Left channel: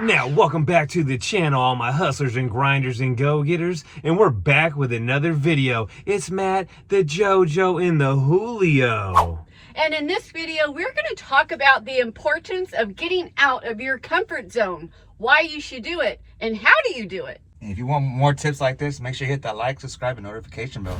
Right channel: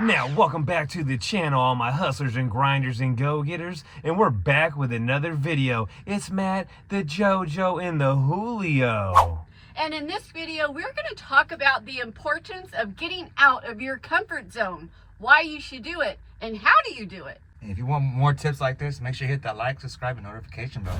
Now, welcome back to the channel, all my hustlers and grinders and go-getters, and we're back with another video. It's Matt, the JoJo, and the Julio. And in this video, we're going to talk about the importance of getting out of your comfort zone, why you should do it, and how do you do it. And if you want more tips like this, make sure you hit that like, subscribe, and notification bell.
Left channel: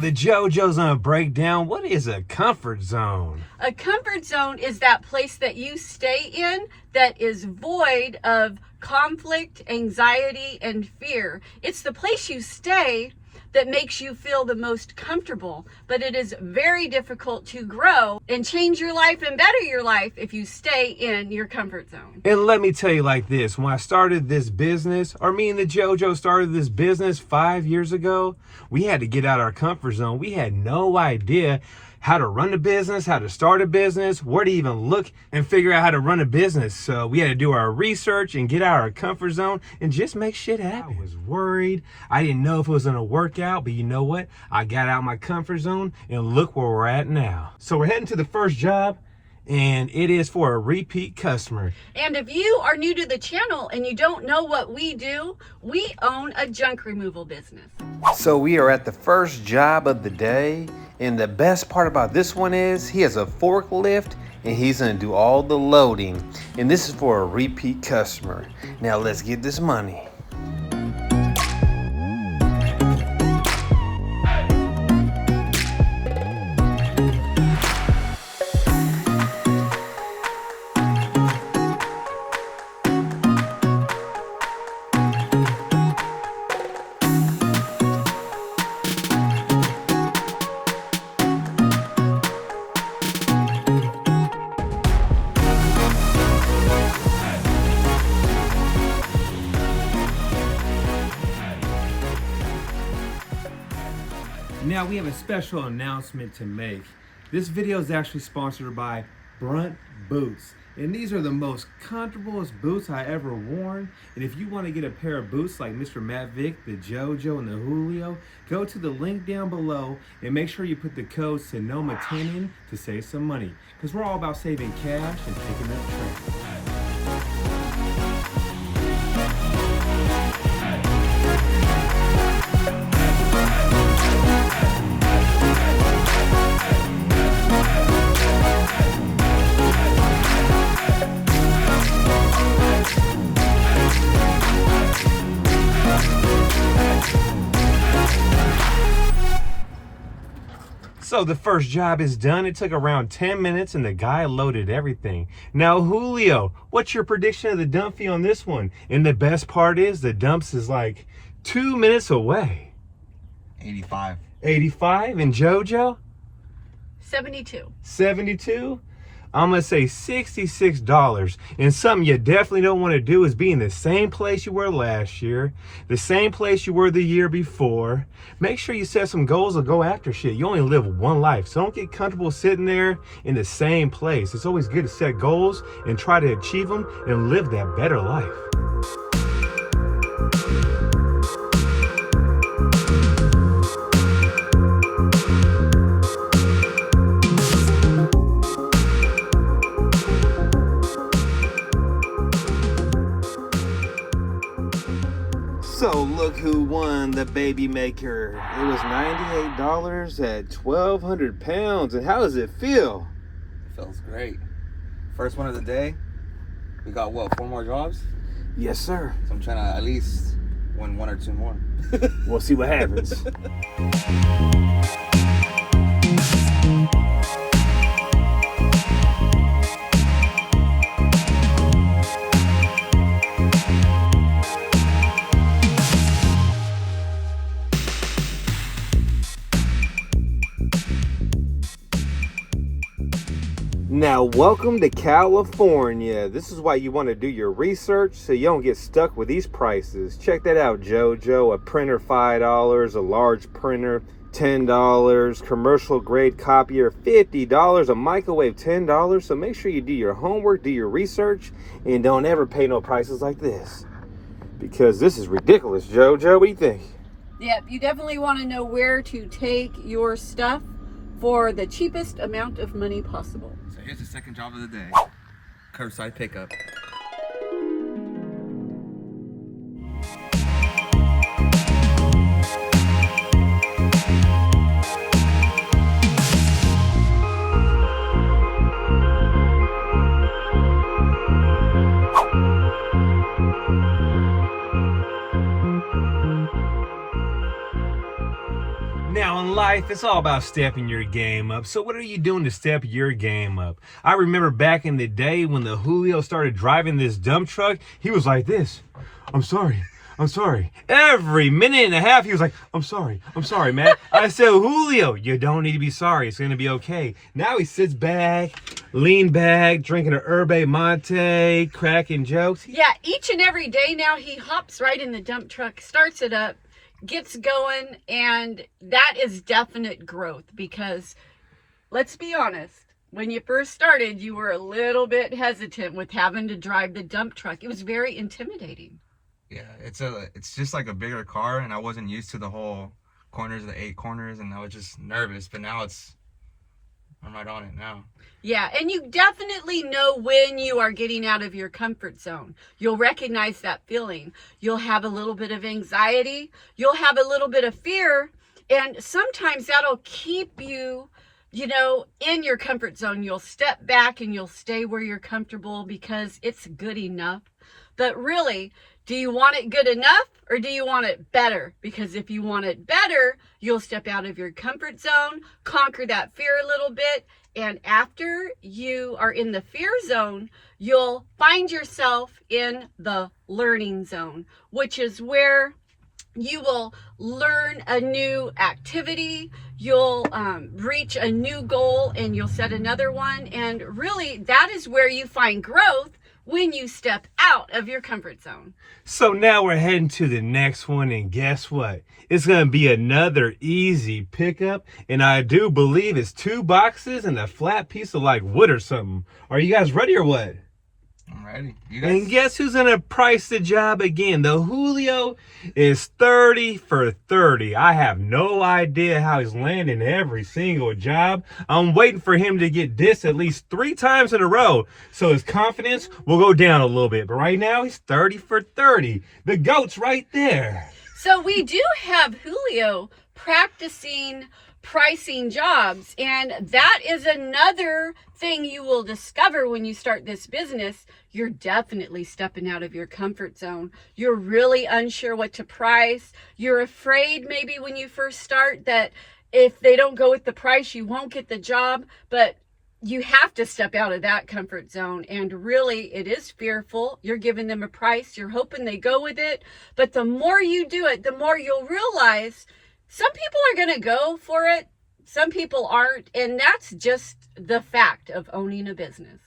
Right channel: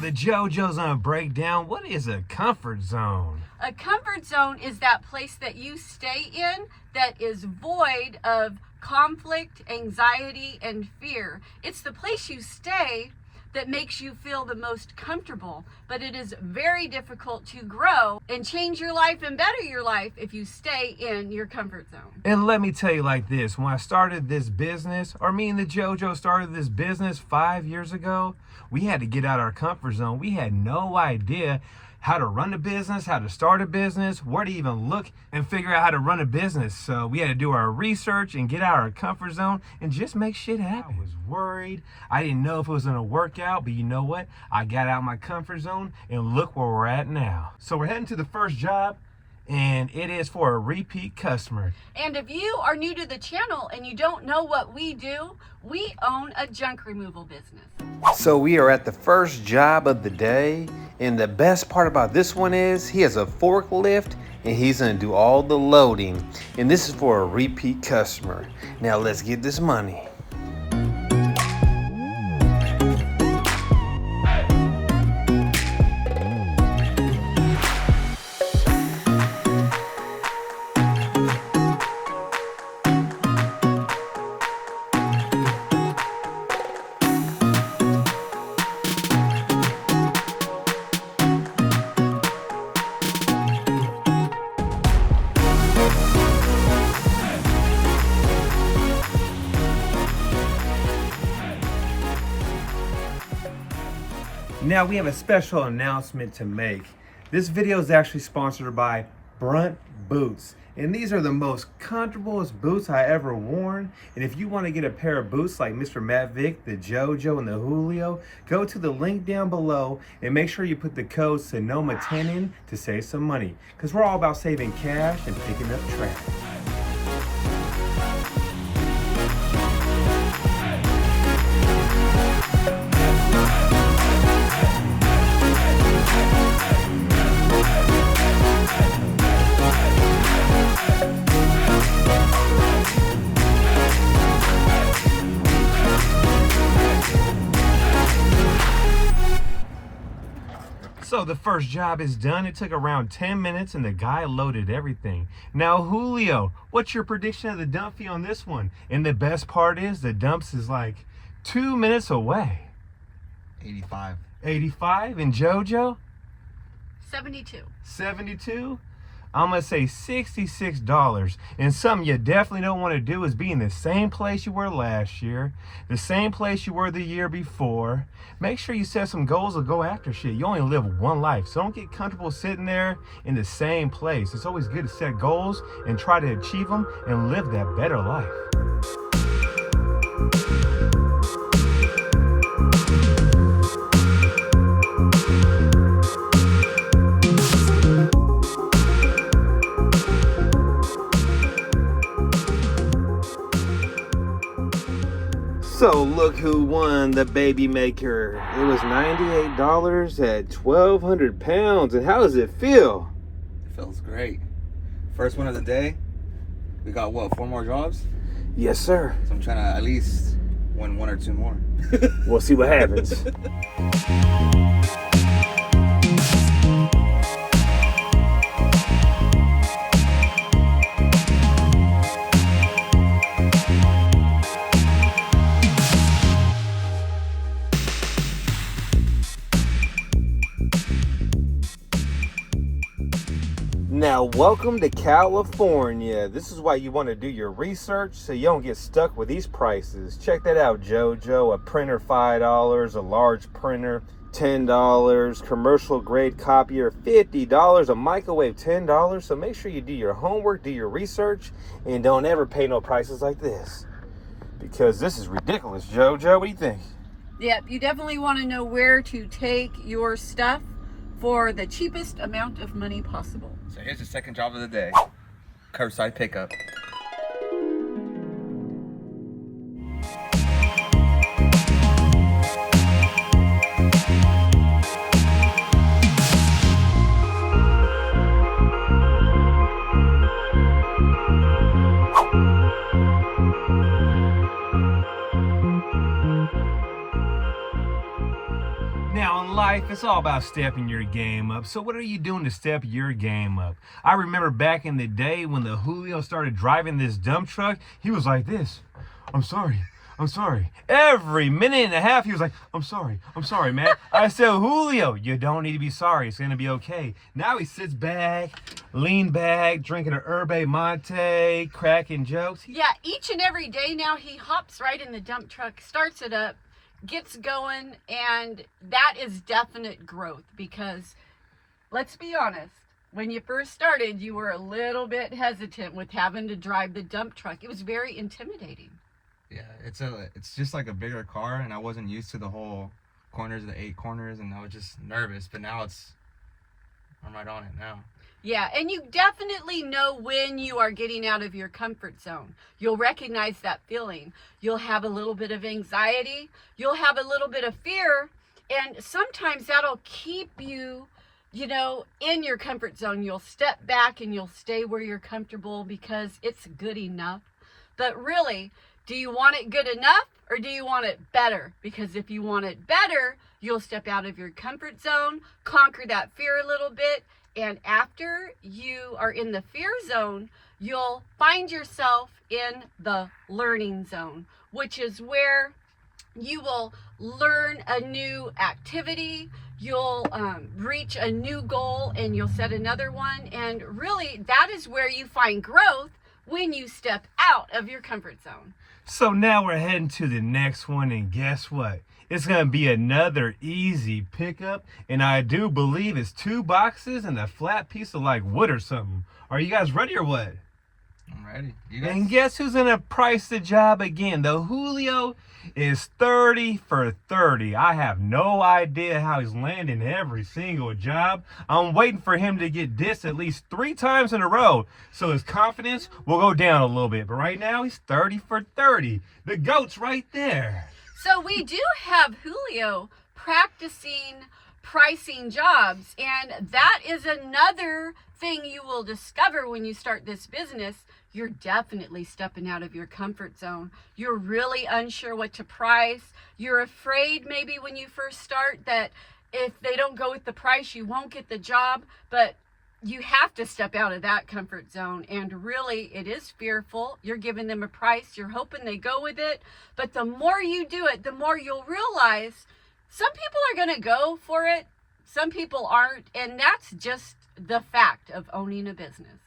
The JoJo's gonna break down what is a comfort zone. A comfort zone is that place that you stay in that is void of conflict, anxiety, and fear. It's the place you stay that makes you feel the most comfortable, but it is very difficult to grow and change your life and better your life if you stay in your comfort zone. And let me tell you like this, when I started this business, or me and the JoJo started this business 5 years ago, we had to get out of our comfort zone. We had no idea how to run a business, how to start a business, where to even look and figure out how to run a business. So we had to do our research and get out of our comfort zone and just make shit happen. I was worried. I didn't know if it was gonna work out, but you know what? I got out of my comfort zone and look where we're at now. So we're heading to the first job, and it is for a repeat customer. And if you are new to the channel and you don't know what we do, we own a junk removal business. So we are at the first job of the day, and the best part about this one is he has a forklift and he's gonna do all the loading, and this is for a repeat customer. Now let's get this money. Now we have a special announcement to make. This video is actually sponsored by Brunt Boots. And these are the most comfortablest boots I ever worn. And if you want to get a pair of boots like Mr. Matt Vic, the JoJo, and the Julio, go to the link down below and make sure you put the code SONOMA10 in to save some money. Because we're all about saving cash and picking up trash. So the first job is done. It took around 10 minutes and the guy loaded everything. Now, Julio, what's your prediction of the dump fee on this one? And the best part is the dumps is like 2 minutes away. 85. 85, and JoJo? 72. 72? I'm gonna say $66. And something you definitely don't want to do is be in the same place you were last year, the same place you were the year before. Make sure you set some goals or go after shit. You only live one life, so don't get comfortable sitting there in the same place. It's always good to set goals and try to achieve them and live that better life. So look who won the baby maker. It was $98 at 1,200 pounds. And how does it feel? It feels great. First one of the day. We got what, 4 more jobs? Yes, sir. So I'm trying to at least win 1 or 2 more. We'll see what happens. Now, welcome to California. This is why you want to do your research so you don't get stuck with these prices. Check that out, JoJo. A printer, $5. A large printer, $10. Commercial grade copier, $50. A microwave, $10. So make sure you do your homework, do your research, and don't ever pay no prices like this. Because this is ridiculous, JoJo. What do you think? Yep, you definitely want to know where to take your stuff for the cheapest amount of money possible. So here's the second job of the day. Curbside pickup. Now in life, it's all about stepping your game up. So what are you doing to step your game up? I remember back in the day when the Julio started driving this dump truck, he was like this. I'm sorry. Every minute and a half, he was like, I'm sorry, Matt. I said, Julio, you don't need to be sorry. It's going to be okay. Now he sits back, lean back, drinking an Herbe Monte, cracking jokes. Yeah, each and every day now he hops right in the dump truck, starts it up, gets going, and that is definite growth because let's be honest, when you first started, you were a little bit hesitant with having to drive the dump truck. It was very intimidating. Yeah, it's just like a bigger car, and I wasn't used to the whole corners, the 8 corners, and I was just nervous. But now I'm right on it now. Yeah, and you definitely know when you are getting out of your comfort zone. You'll recognize that feeling. You'll have a little bit of anxiety. You'll have a little bit of fear, and sometimes that'll keep you, in your comfort zone. You'll step back and you'll stay where you're comfortable because it's good enough. But really, do you want it good enough or do you want it better? Because if you want it better, you'll step out of your comfort zone, conquer that fear a little bit, and after you are in the fear zone, you'll find yourself in the learning zone, which is where you will learn a new activity, you'll reach a new goal, and you'll set another one. And really, that is where you find growth when you step out of your comfort zone. So now we're heading to the next one, and guess what? It's going to be another easy pickup, and I do believe it's 2 boxes and a flat piece of like wood or something. Are you guys ready or what? I'm ready. You guys? And guess who's going to price the job again? The Julio is 30 for 30. I have no idea how he's landing every single job. I'm waiting for him to get dissed at least 3 times in a row, so his confidence will go down a little bit. But right now, he's 30 for 30. The GOAT's right there. So we do have Julio practicing pricing jobs, and that is another thing you will discover when you start this business. You're definitely stepping out of your comfort zone. You're really unsure what to price. You're afraid maybe when you first start that if they don't go with the price, you won't get the job, but you have to step out of that comfort zone. And really, it is fearful. You're giving them a price. You're hoping they go with it. But the more you do it, the more you'll realize some people are going to go for it. Some people aren't. And that's just the fact of owning a business.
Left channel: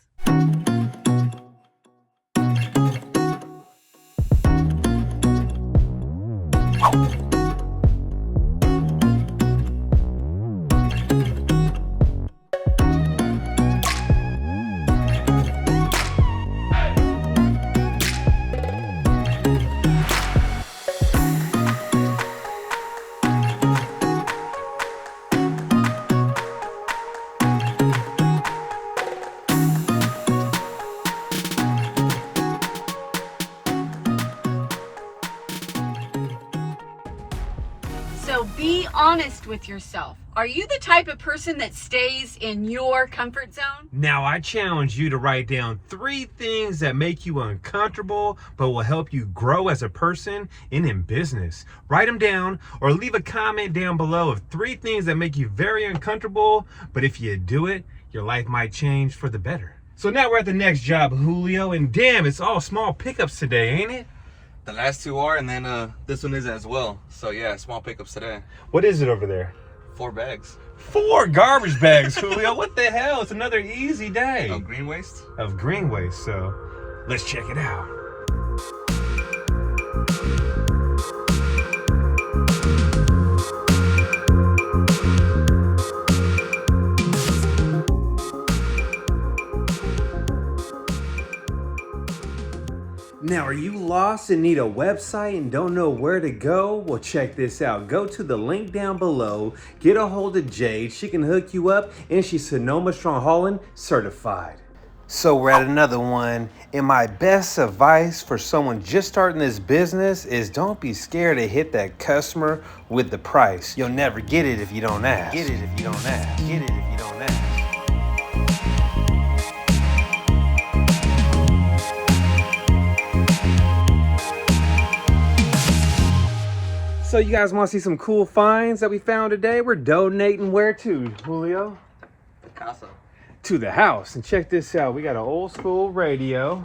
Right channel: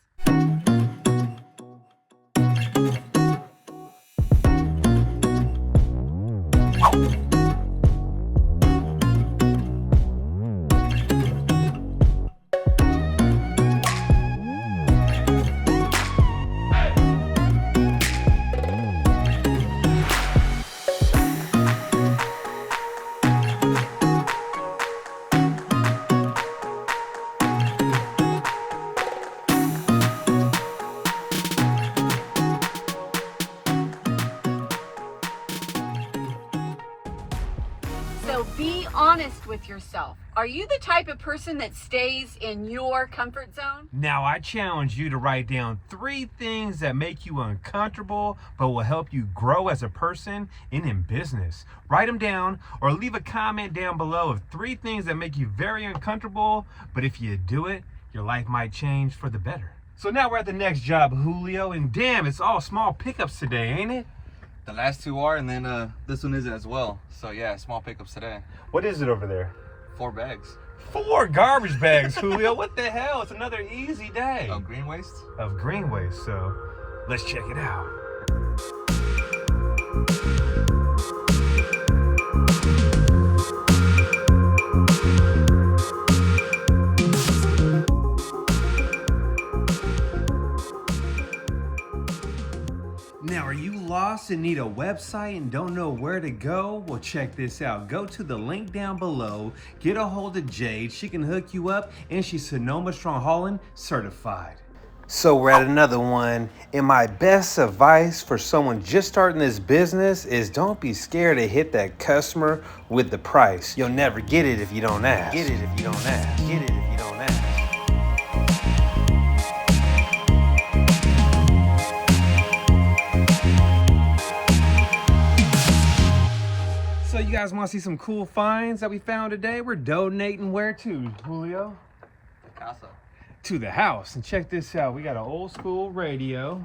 Be honest with yourself. Are you the type of person that stays in your comfort zone? Now I challenge you to write down 3 things that make you uncomfortable but will help you grow as a person and in business. Write them down or leave a comment down below of 3 things that make you very uncomfortable, but if you do it, your life might change for the better. So now we're at the next job, Julio, and damn, it's all small pickups today, ain't it? The last 2 are, and then this one is as well. So yeah, small pickups today. What is it over there? 4 bags. 4 garbage bags, Julio. What the hell? It's another easy day. Of green waste? Of green waste, so let's check it out. Now, are you lost and need a website and don't know where to go? Well, check this out. Go to the link down below, get a hold of Jade. She can hook you up, and she's Sonoma Strong Holland certified. So we're at another one, and my best advice for someone just starting this business is don't be scared to hit that customer with the price. You'll never get it if you don't ask. Get it if you don't ask. Get it if you don't ask. So you guys want to see some cool finds that we found today? We're donating where to, Julio? The casa. To the house. And check this out. We got an old school radio.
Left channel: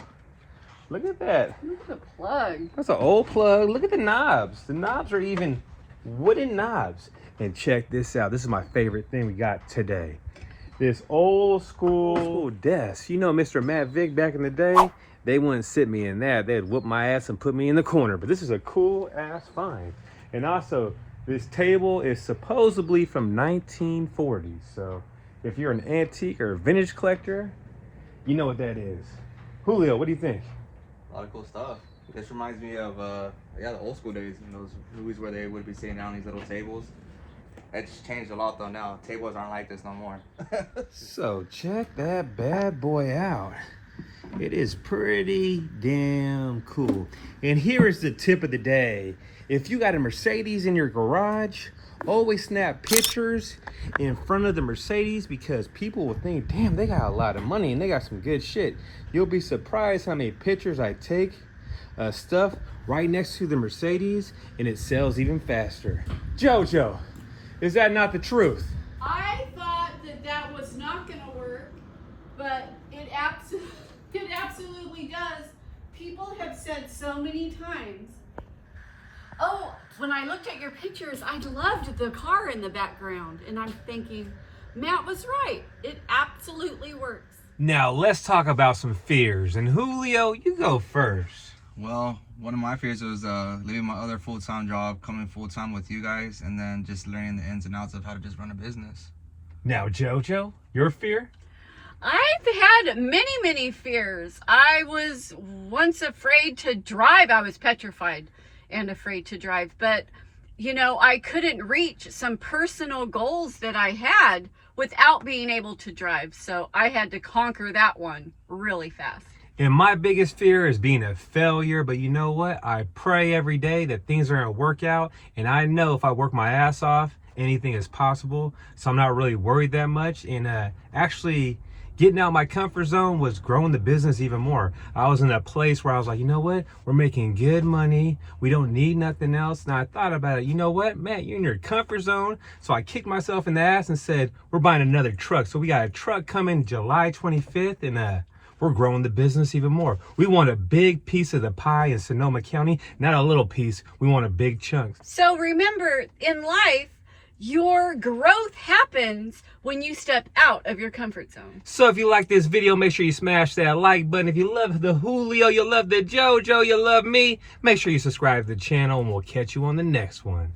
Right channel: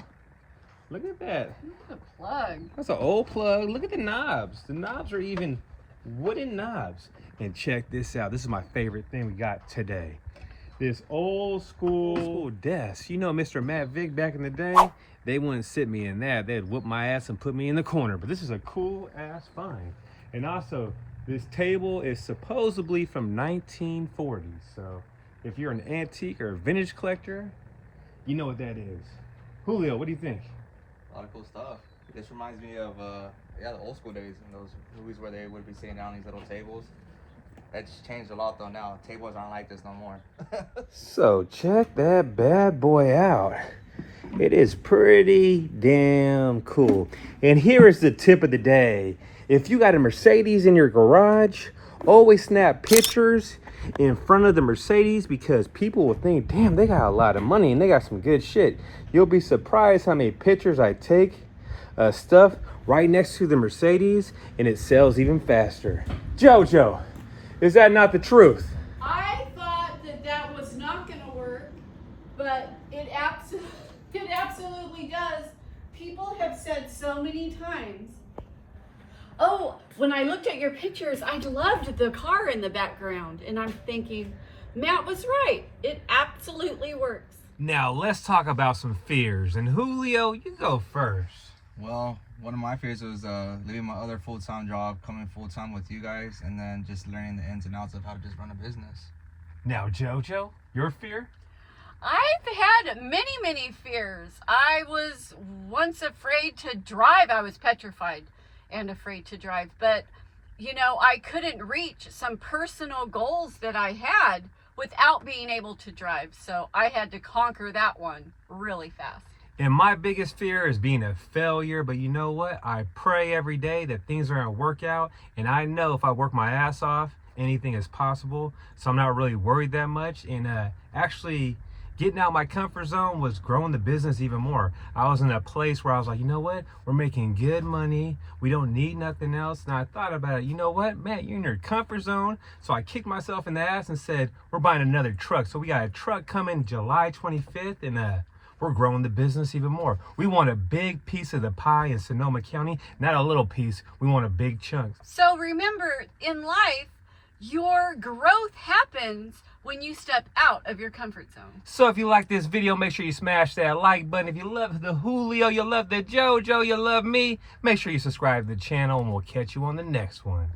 Look at that. Look at the plug. That's an old plug. Look at the knobs. The knobs are even wooden knobs. And check this out. This is my favorite thing we got today. This old school desk. You know Mr. Matt Vick back in the day? They wouldn't sit me in that. They'd whoop my ass and put me in the corner. But this is a cool ass find. And also, this table is supposedly from 1940s. So if you're an antique or vintage collector, you know what that is. Julio, what do you think? A lot of cool stuff. This reminds me of the old school days and those movies where they would be sitting down on these little tables. It's changed a lot though now. Tables aren't like this no more. So check that bad boy out. It is pretty damn cool. And here is the tip of the day. If you got a Mercedes in your garage, always snap pictures in front of the Mercedes because people will think, damn, they got a lot of money and they got some good shit. You'll be surprised how many pictures I take stuff right next to the Mercedes and it sells even faster. JoJo, is that not the truth? I thought that was not going to work, but it absolutely does. People have said so many times, oh, when I looked at your pictures, I loved the car in the background. And I'm thinking, Matt was right. It absolutely works. Now let's talk about some fears. And Julio, you go first. Well, one of my fears was leaving my other full-time job, coming full-time with you guys, and then just learning the ins and outs of how to just run a business. Now, JoJo, your fear? I've had many fears. I was once afraid to drive. I was petrified and afraid to drive. But, you know, I couldn't reach some personal goals that I had without being able to drive. So I had to conquer that one really fast. And my biggest fear is being a failure, but you know what? I pray every day that things are gonna work out, and I know if I work my ass off, anything is possible. So I'm not really worried that much. And actually getting out my comfort zone was growing the business even more. I was in a place where I was like, you know what? We're making good money. We don't need nothing else. And I thought about it. You know what, Matt, you're in your comfort zone. So I kicked myself in the ass and said, we're buying another truck. So we got a truck coming July 25th, and we're growing the business even more. We want a big piece of the pie in Sonoma County, not a little piece. We want a big chunk. So remember, in life, your growth happens when you step out of your comfort zone. So if you like this video, make sure you smash that like button. If you love the Julio, you love the JoJo, you love me, make sure you subscribe to the channel, and we'll catch you on the next one.